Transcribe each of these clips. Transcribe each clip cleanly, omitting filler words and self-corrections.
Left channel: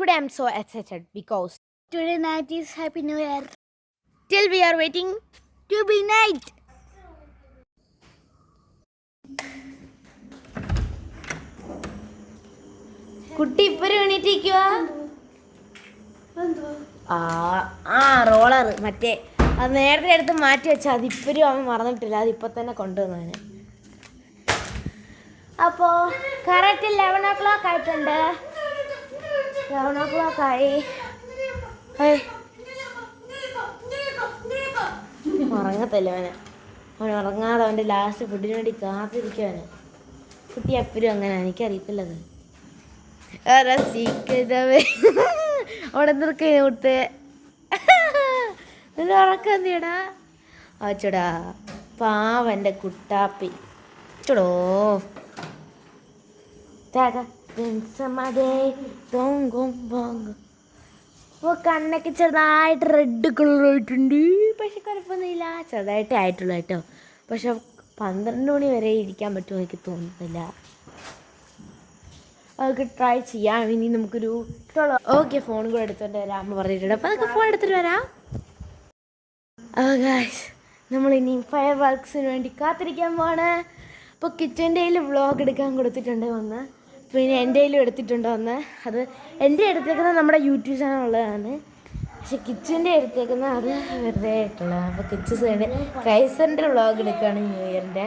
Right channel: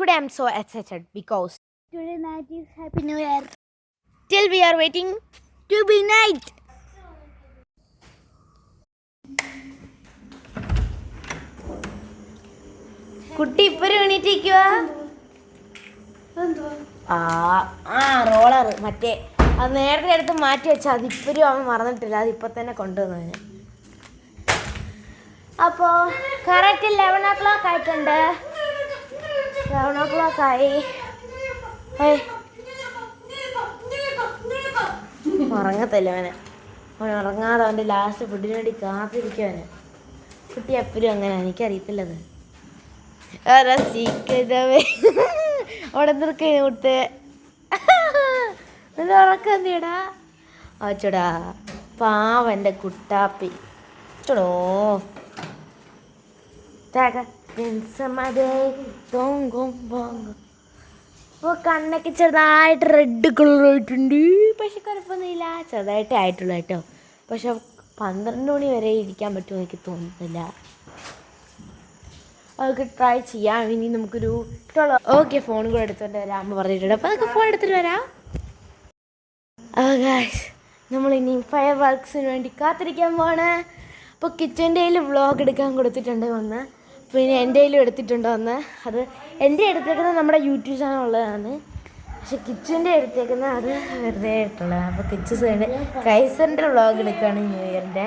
Today I'm so excited because today night is Happy New Year. Till we are waiting to be night. കുട്ടി ഇപ്പഴും എണീറ്റിരിക്കുക. Roller മറ്റേ അത് നേരത്തെ എടുത്ത് മാറ്റി വെച്ചാൽ അതിപ്പോഴും അവൻ മറന്നിട്ടില്ല. അതിപ്പോൾ തന്നെ കൊണ്ടുവന്നതിന്. അപ്പോൾ കറക്റ്റ് 11 o'clock ആയിട്ടുണ്ട്. 11 o'clock ആയി. ഉറങ്ങത്തില്ല അവൻ ഉറങ്ങാതെ അവൻ്റെ ലാസ്റ്റ് ഫുഡിന് വേണ്ടി കാത്തിരിക്കുവാന്. കുട്ടി എപ്പോഴും അങ്ങനെ, എനിക്കറിയത്തില്ലത്. അവിടെ നിർക്കേ കൊടുത്ത് ഉറക്കന്തിയടാ അച്ചടാ പാവൻ്റെ കുട്ടാപ്പി ചടോ അപ്പോൾ കണ്ണൊക്കെ ചെറുതായിട്ട് റെഡ് കളറായിട്ടുണ്ട്. പക്ഷെ കുഴപ്പമൊന്നുമില്ല, ചെറുതായിട്ടേ ആയിട്ടുള്ളൂ കേട്ടോ. പക്ഷെ 12 മണി വരെ ഇരിക്കാൻ പറ്റുമോ എനിക്ക് തോന്നുന്നില്ല. അതൊക്കെ ട്രൈ ചെയ്യാം. ഇനി നമുക്കൊരു ഓക്കെ ഫോൺ കൂടെ എടുത്തുകൊണ്ട് വരാം അമ്മ പറഞ്ഞിട്ടുണ്ട്. അപ്പോൾ അതൊക്കെ ഫോൺ എടുത്തിട്ട് വരാം. ഗായ്സ്, നമ്മളിനി ഫയർ വർക്ക്സിന് വേണ്ടി കാത്തിരിക്കാൻ പോവാണ്. അപ്പോൾ കിച്ചൻ്റെ കയ്യിൽ വ്ളോഗ് എടുക്കാൻ കൊടുത്തിട്ടുണ്ട് വന്ന്. പിന്നെ എൻ്റെ കയ്യിലും എടുത്തിട്ടുണ്ട് വന്ന്. അത് എൻ്റെ എടുത്തേക്കുന്നത് നമ്മുടെ യൂട്യൂബ് ചാനലുള്ളതാണ്. പക്ഷെ കിച്ചൻ്റെ എടുത്തേക്കുന്നത് അത് വെറുതെ ആയിട്ടുള്ളതാണ്. അപ്പോൾ കിച്ചൻ്റെ കൈസറിൻ്റെ വ്ളോഗ് എടുക്കുകയാണ് ന്യൂ ഇയറിൻ്റെ.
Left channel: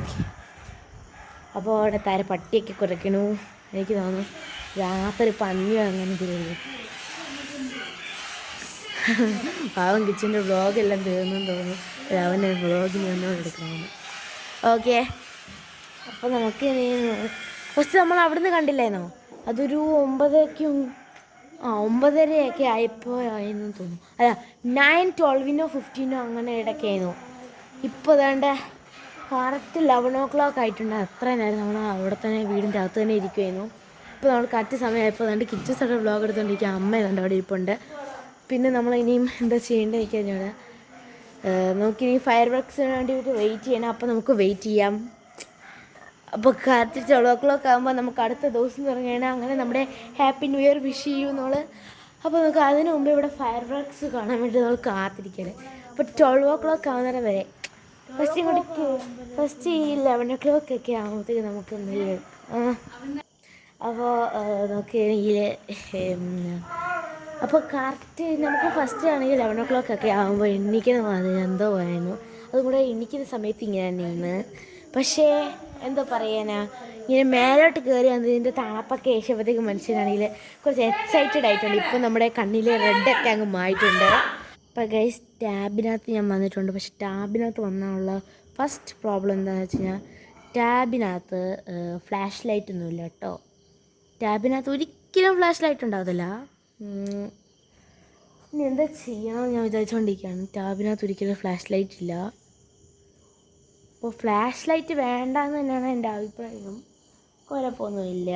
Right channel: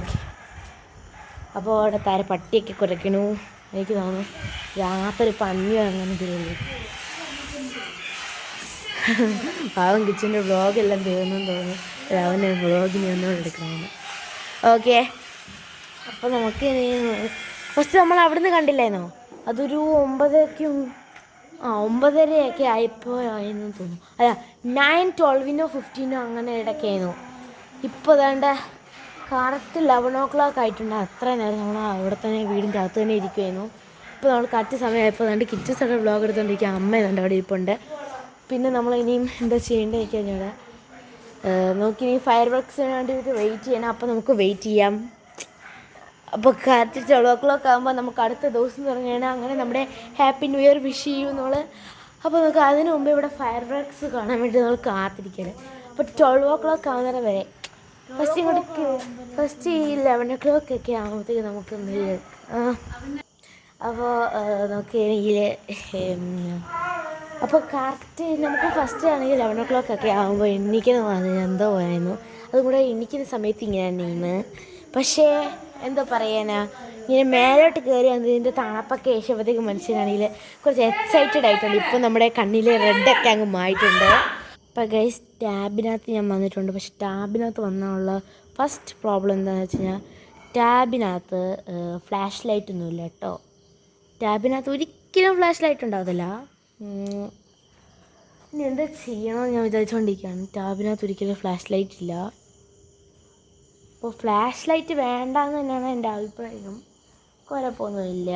ഓക്കെ, അപ്പോൾ അവിടെ താരെ പട്ടിയൊക്കെ കുറയ്ക്കണു. എനിക്ക് തോന്നുന്നു രാത്രി പന്നി അങ്ങനെ തീർന്നു. പാവം കിച്ചൻ്റെ വ്ളോഗെല്ലാം തീർന്നെന്ന് തോന്നുന്നു. അവൻ്റെ വ്ളോഗിന് ഒന്നും എടുക്കണമെന്ന്. ഓക്കെ, അപ്പോൾ നമുക്ക് ഫസ്റ്റ് നമ്മൾ അവിടുന്ന് കണ്ടില്ലായിരുന്നോ? അതൊരു 9:30 ആയപ്പോൾ ആയെന്ന് തോന്നുന്നു. അല്ല 9:12 15 അങ്ങനെ ഇടയ്ക്കായിരുന്നു. ഇപ്പോൾ വേണ്ട കറക്റ്റ് 11 o'clock ആയിട്ടുണ്ട്. അത്ര നേരം നമ്മൾ അവിടെ തന്നെ വീടിൻ്റെ അകത്ത് തന്നെ ഇരിക്കുമായിരുന്നു. ഇപ്പോൾ നമ്മൾ കറക്റ്റ് സമയമായപ്പോൾ അതുകൊണ്ട് കിച്ചൺ സൈഡ് വ്ളോഗ് എടുത്തുകൊണ്ടിരിക്കുക. അമ്മ ഏതാണ്ട് അവിടെ ഇരിപ്പുണ്ട്. പിന്നെ നമ്മൾ ഇനിയും എന്താ ചെയ്യേണ്ടത് എനിക്ക് കഴിഞ്ഞൂടെ. നമുക്കിനി ഫയർ വർക്ക്സിന് വേണ്ടിയിട്ട് വെയിറ്റ് ചെയ്യണം. അപ്പോൾ നമുക്ക് വെയിറ്റ് ചെയ്യാം. അപ്പോൾ കറക്റ്റ് 12 o'clock ആകുമ്പോൾ നമുക്ക് അടുത്ത ദിവസം തുടങ്ങിയാണ്. അങ്ങനെ നമ്മുടെ ഹാപ്പി ന്യൂ ഇയർ വിഷ് ചെയ്യും നമ്മൾ. അപ്പോൾ നമുക്ക് അതിന് മുമ്പ് ഇവിടെ ഫയർ വർക്ക്സ് കാണാൻ വേണ്ടി നമ്മൾ കാത്തിരിക്കണം. അപ്പോൾ 12 o'clock ആവുന്നവരെ വരെ ഫസ്റ്റ് ഈ 11 o'clock ഒക്കെ ആകുമ്പോഴത്തേക്ക് നമുക്ക് അപ്പോൾ നോക്കുകയാണെങ്കിൽ അപ്പോൾ കറക്റ്റ് നമുക്ക് ഫസ്റ്റ് ആണെങ്കിൽ 11 o'clock ഒക്കെ ആകുമ്പോൾ എണ്ണിക്കുന്ന എന്തോ ആയിരുന്നു. അതും കൂടെ എണ്ണിക്കുന്ന സമയത്ത് ഇങ്ങനെ തന്നെയാണ്. പക്ഷേ എന്തോ പറയാനാ, ഇങ്ങനെ മേലോട്ട് കയറി അതിൻ്റെ തണുപ്പൊക്കെ ഏഷ്യപ്പോഴത്തേക്ക് മനുഷ്യനാണെങ്കിൽ കുറച്ച് എക്സൈറ്റഡ് ആയിട്ടുണ്ട്. ഇപ്പോൾ നമ്മുടെ കണ്ണിൽ റെഡൊക്കെ അങ്ങ് മായിട്ടുണ്ട്. അപ്പോൾ ഗൈസ്, ടാബിനകത്ത് ഞാൻ വന്നിട്ടുണ്ട്. പക്ഷെ ടാബിനകത്ത് വന്നുള്ള ഫസ്റ്റ് പ്രോബ്ലം എന്താണെന്ന് വെച്ച് കഴിഞ്ഞാൽ ടാബിനകത്ത് ഫ്ലാഷ് ലൈറ്റ് ഒന്നുമില്ല കേട്ടോ. ടാബിനകത്ത് ഒരിക്കലും ഫ്ലാഷ് ലൈറ്റ് ഉണ്ടാകത്തില്ല. ഇനി എന്താ ചെയ്യണമെന്ന് ഞാൻ വിചാരിച്ചുകൊണ്ടിരിക്കുകയാണ്. ടാബിനകത്ത് ഒരിക്കലും ഫ്ലാഷ് ലൈറ്റ് ഇല്ല. അപ്പോൾ ഫ്ലാഷ് ലൈറ്റ് വേണ്ടെന്ന് തന്നെയാണ് എൻ്റെ അഭിപ്രായം. കുഴപ്പമൊന്നുമില്ല.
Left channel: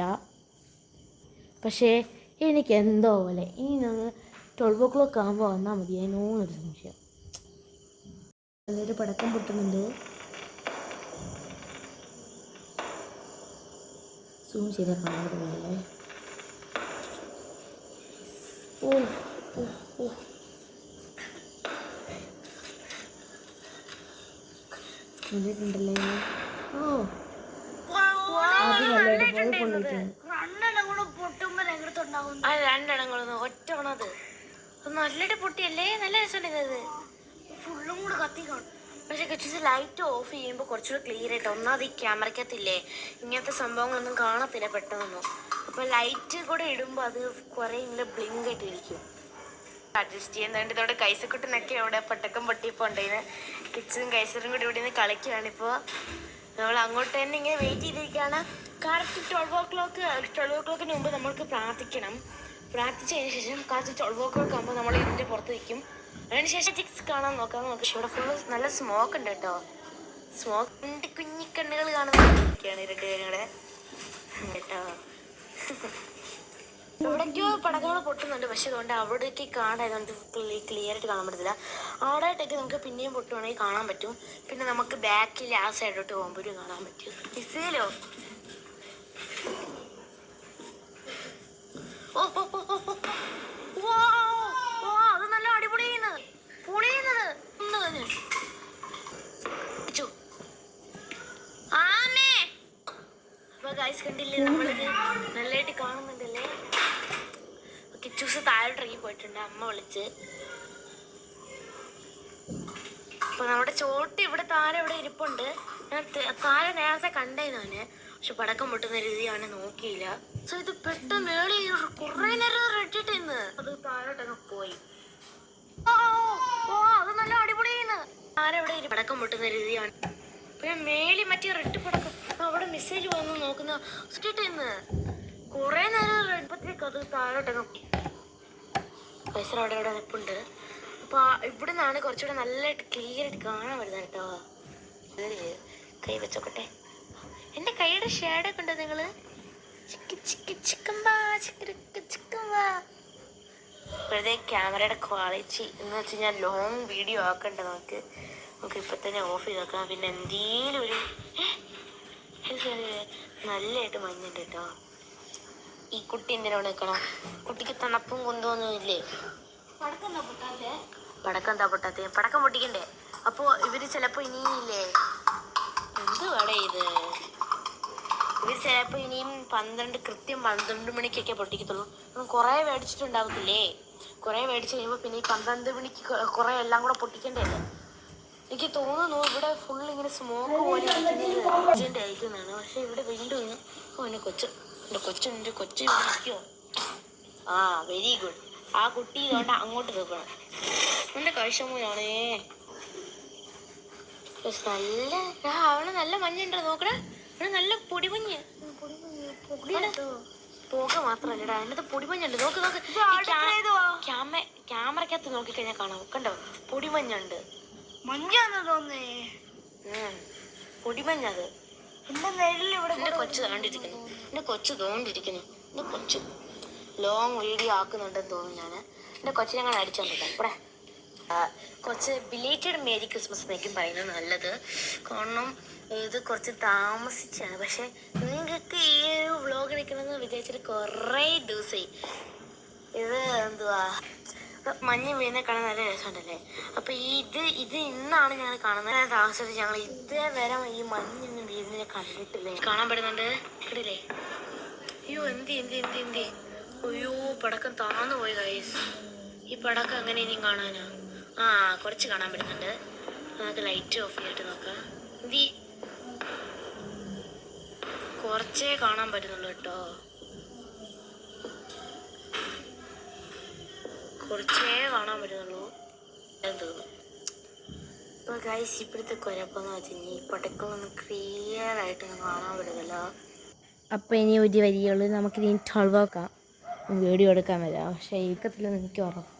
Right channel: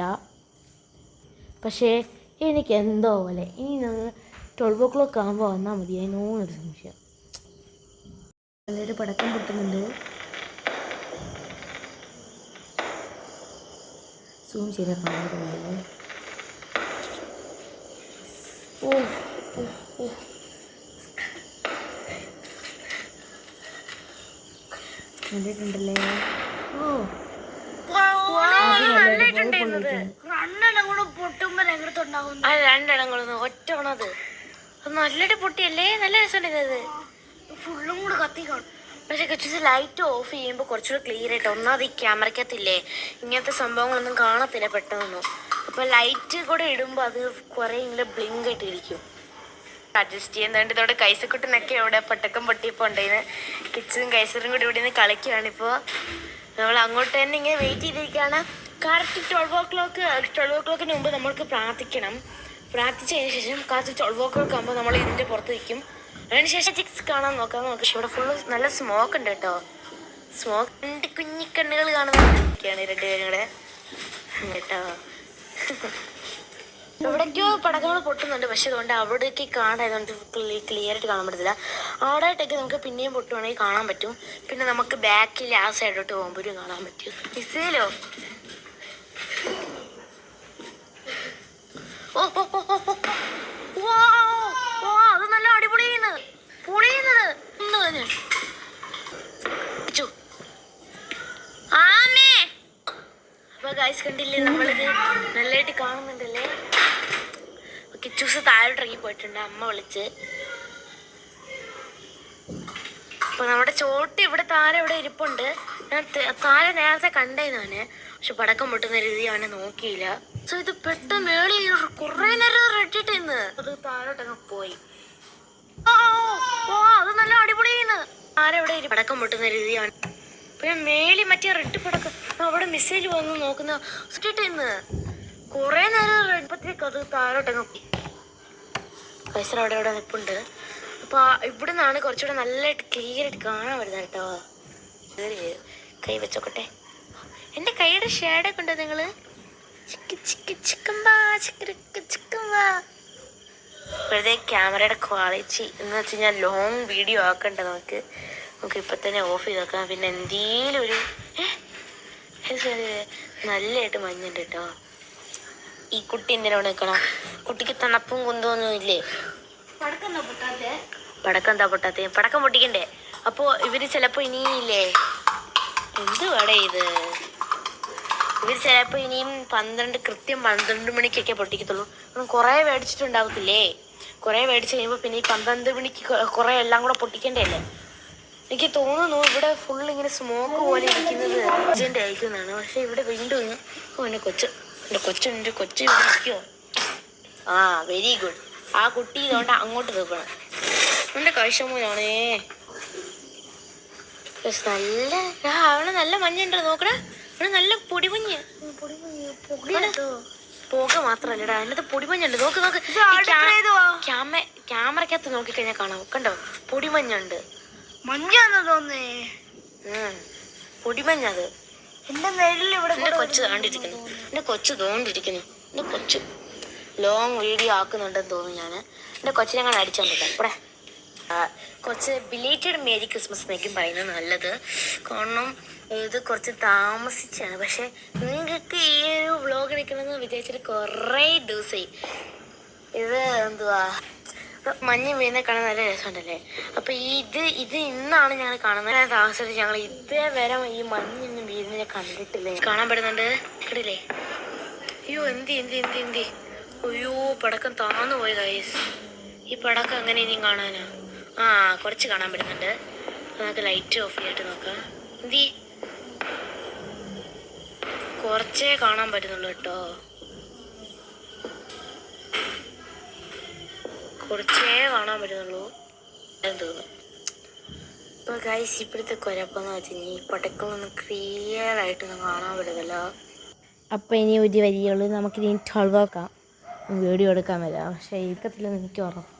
പക്ഷേ എനിക്ക് എന്തോ പോലെ ഇനി 12 o'clock ആകുമ്പോൾ വന്നാൽ മതി. അതിനോന്നൊരു സംശയം. നല്ലൊരു പടക്കം പൊട്ടുന്നുണ്ട്. സൂം ചെയ്താൽ കാണുന്നതല്ലേ. ഓ കണ്ടിട്ടുണ്ടല്ലേ. രണ്ടെണ്ണങ്ങളൊന്നും ഒറ്റവണത് നല്ലൊരു പൊട്ടിയല്ലേ. നല്ല രസമുണ്ടായത്. ഫുള്ളും കൂടെ കത്തിക്കണം. പക്ഷെ കുറച്ച് ലൈറ്റ് ഓഫ് ചെയ്യുമ്പോൾ കുറച്ചുകൂടെ ക്ലിയർ ആയിട്ട്. ഒന്നാമത് ഈ ക്യാമറയ്ക്കകത്തില്ലേ ഇങ്ങനത്തെ സംഭവങ്ങളൊന്നും കാണത്തില്ല പെട്ടെന്നൊന്നും. അപ്പോൾ ലൈറ്റ് കൂടെ ഇടുമ്പോൾ അത് കുറേ ഇങ്ങനെ ബ്ലിങ്ക് ആയിട്ട് ഇരിക്കും. അഡ്ജസ്റ്റ് ചെയ്യുന്നുണ്ട്. ഇതോടെ കൈസക്കുട്ടനൊക്കെ ഇവിടെ പട്ടക്കം പൊട്ടിയപ്പോൾ ഉണ്ടായിരുന്നു. കിച്ചനും കൈസറും കൂടി ഇവിടെ നിന്ന് കളിക്കുകയാണിപ്പോൾ. നമ്മൾ അങ്ങോട്ട് തന്നെ ഇങ്ങനെ വെയിറ്റ് ചെയ്തിരിക്കുകയാണ്. കറക്റ്റ് 12 o'clockന് മുമ്പ് നമ്മൾക്ക് പ്രാർത്ഥിക്കണം. പ്രാർത്ഥിച്ചതിന് ശേഷം കറക്റ്റ് 12 o'clock ആകുമ്പോൾ നമ്മൾ ഇതിൻ്റെ പുറത്ത് വയ്ക്കും. അതിനുശേഷം ചിക്സ് കാണാൻ നോക്കാം. പക്ഷെ ഇവിടെ ഫുള്ള് നല്ല സ്മോക്ക് ഉണ്ട് കേട്ടോ. സ്മോക്ക് രണ്ട് കുഞ്ഞിക്കണ്ണുകൾ കാണുന്നൊക്കെയാണ് രണ്ടുപേരും കൂടെ കേട്ടോ. എവിടേക്കോ പടക്കങ്ങൾ പൊട്ടുന്നുണ്ട്, പക്ഷെ അതുകൊണ്ട് അവിടേക്ക് കാണായതുകൊണ്ട് ക്ലിയർ ആയിട്ട് കാണാൻ പറ്റത്തില്ല. ആടായിട്ടൊക്കെ നമുക്ക് പിന്നെയും പൊട്ടുവാണെങ്കിൽ കാണാൻ പറ്റും. പിന്നെ നമുക്ക് ബാക്കിൽ ആ സൈഡോട്ട് പോകുമ്പോഴും കാണാൻ പറ്റും. മിസൈലോ? ഓ ഓ ഓ ഓ ഓ. അത് നല്ല അടിപൊളിയാണ്. പൊളിയുന്നത് അപ്പൊ ഗൈസ് കണ്ടില്ലേ, നമ്മളിത് നല്ലതായിട്ട് കാണുന്നുണ്ടല്ലേ. കിച്ചൂസ് താഴോട്ട് ഇറങ്ങി പോയിട്ടുണ്ട്, അമ്മ വിളിച്ച്. അപ്പൊ നമ്മുടെ ചോട്ട് ഇവിടെ താഴെ ഇവിടെ ഇരിപ്പുണ്ട്. ഞാൻ താഴെ നേരത്തെ കണ്ടേനാണ്, പക്ഷെ പടക്കം പൊട്ടുന്ന രീതി അവനെ നോക്കിയില്ല. സോ ഇത് പെട്ടെന്ന് മേളി കുറെ നേരം റെഡിട്ട് ഇന്ന് അത് താഴോട്ടങ്ങ് പോയി. അത് നല്ല അടിപൊളിയാണ്. താഴെ ഇവിടെ പടക്കം പൊട്ടുന്ന രീതി അവൻ പിന്നെ മേളി മറ്റേ റെഡ് പടക്കം അവിടെ മിസൈൽ വന്ന് നോക്കുന്ന ഇന്ന് കുറെ നേരം റെഡ്പത്തേക്ക് അത് താഴോട്ടങ്ങ് പോയി. പൈസ അവിടെ ഇവിടെ നിൽപ്പുണ്ട്. അപ്പൊ ഇവിടെ നിന്നാണ് കുറച്ചുകൂടെ നല്ലതായിട്ട് ക്ലിയർ ആയിട്ട് കാണാൻ വരുന്നത് കേട്ടോ. കൈ വെച്ചോക്കട്ടെ. എന്റെ കൈയുടെ ഷേഡൊക്കെ ഉണ്ടോ നിങ്ങള്? ഇപ്പോഴത്തെ ക്യാമറയുടെ ക്വാളിറ്റി എന്ന് വെച്ച് കഴിഞ്ഞാൽ ലോങ് വീഡിയോ ആക്കണ്ട. നമുക്ക് ഇപ്പൊ തന്നെ ഓഫ് ചെയ്ത് നോക്കാം. പിന്നെ എന്തേലും ഒരു നല്ലതായിട്ട് മഞ്ഞുണ്ട് കേട്ടോ. ഈ കുട്ടി എന്തിനാ നിൽക്കണം? കുട്ടിക്ക് തണുപ്പും കുന്തമൊന്നും ഇല്ലേ? പടക്കം എന്താ പൊട്ടാത്ത? പടക്കം പൊട്ടിക്കണ്ടേ? അപ്പൊ ഇവര് ചിലപ്പോ ഇനിയില്ലേ, എന്തുവാടേ ഇത്, ഇവര് ചിലപ്പോ ഇനിയും കൃത്യം 12 മണിക്കൊക്കെ പൊട്ടിക്കത്തുള്ളൂ. കുറെ മേടിച്ചിട്ടുണ്ടാവത്തില്ലേ? കുറെ മേടിച്ച് കഴിയുമ്പോ പിന്നെ ഈ 12 മണിക്ക് കുറെ എല്ലാം കൂടെ പൊട്ടിക്കണ്ടേ അല്ലേ? എനിക്ക് തോന്നുന്നു ഇവിടെ ഫുൾ ഇങ്ങനെ സ്മോക്ക് പോലെ ഇരിക്കുന്നത് അർജന്റ് അയക്കുന്നതാണ്. പക്ഷെ ഇവിടെ വീണ്ടും എന്റെ കൊച്ചു ഇവിടെ ഇരിക്കുവോ? ആ വെരി ഗുഡ്. ആ കുട്ടി ഇതുകൊണ്ട് അങ്ങോട്ട് തീർക്കണം. എന്റെ കഴിച്ചമൂലാണേ. നല്ല അവള് നല്ല മഞ്ഞുണ്ടോ നോക്കണേ. അവള് നല്ല പൊടിമഞ്ഞ്. പുക മാത്രല്ലടാ, അതിനകത്ത് പൊടിമഞ്ഞുണ്ട്. നോക്ക് നോക്ക്, ക്യാമറക്കകത്ത് നോക്കിക്കഴിഞ്ഞാൽ കാണാം. കണ്ടോ, പൊടിമഞ്ഞുണ്ട്. മഞ്ഞാന്ന് തോന്നേ. പൊടിമഞ്ഞത്. എന്റെ കൊച്ചു താണ്ടിരിക്കുന്നു. എന്റെ കൊച്ചു ലോങ് വീഡിയോ ആക്കുന്നുണ്ടെന്ന് തോന്നുന്നു. എന്റെ കൊച്ചിനെ അങ്ങനെ അടിച്ചോണ്ടിരിക്കാം. ഇവിടെ കുറച്ച് ബിലേറ്റഡ് മേരി ക്രിസ്മസ് എന്നൊക്കെ പറയുന്നത് നല്ലത്. കാരണം ഇത് കുറച്ച് താമസിച്ചാണ്. പക്ഷെ നിങ്ങൾക്ക് ഈ ഒരു വ്ളോഗ് എടുക്കണമെന്ന് വിചാരിച്ചിട്ട് കുറേ ദിവസമായി. ഇത് എന്തുവാ, മഞ്ഞ് വീഴുന്ന കാണാൻ നല്ല രസമുണ്ടല്ലേ. അപ്പൊ ഇത് ഇന്നാണ് ഞങ്ങൾ കാണുന്നത്. താമസിച്ചിട്ട് ഞങ്ങൾ ഇതേവരെ ഈ മഞ്ഞൊന്നും വീഴുന്ന കണ്ടിട്ടില്ല. കാണാൻ പറ്റുന്നുണ്ട് ഇടില്ലേ? അയ്യോ എന്തി അയ്യോ, പടക്കം താന്നു പോയി ഗൈസ്. ഈ പടക്കം എങ്ങനെ ഇനിയും കാണാനാ? കുറച്ച് കാണാൻ പറ്റുന്നുണ്ട്. നമുക്ക് ലൈറ്റ് ഓഫ് ചെയ്തിട്ട് നോക്കാം. കുറച്ചേ കാണാൻ പറ്റുന്നുള്ളൂ കേട്ടോ. കുറച്ചേ കാണാൻ പറ്റുന്നുള്ളൂ എന്ന് തോന്നുന്നു. ഇപ്പൊ ഗൈസ് ഇപ്പോഴത്തെ കുഴപ്പമെന്ന് വെച്ച് കഴിഞ്ഞാൽ ഈ പടക്കമൊന്നും ക്ലിയർ ആയിട്ടൊന്നും കാണാൻ പറ്റുന്നില്ല. അപ്പം ഇനി ഒരു വരികൾ നമുക്കിനി 12 വീഡിയോ എടുക്കാൻ വരാം. പക്ഷേ ഇരിക്കത്തില്ലെന്ന് എനിക്ക് ഉറപ്പ്.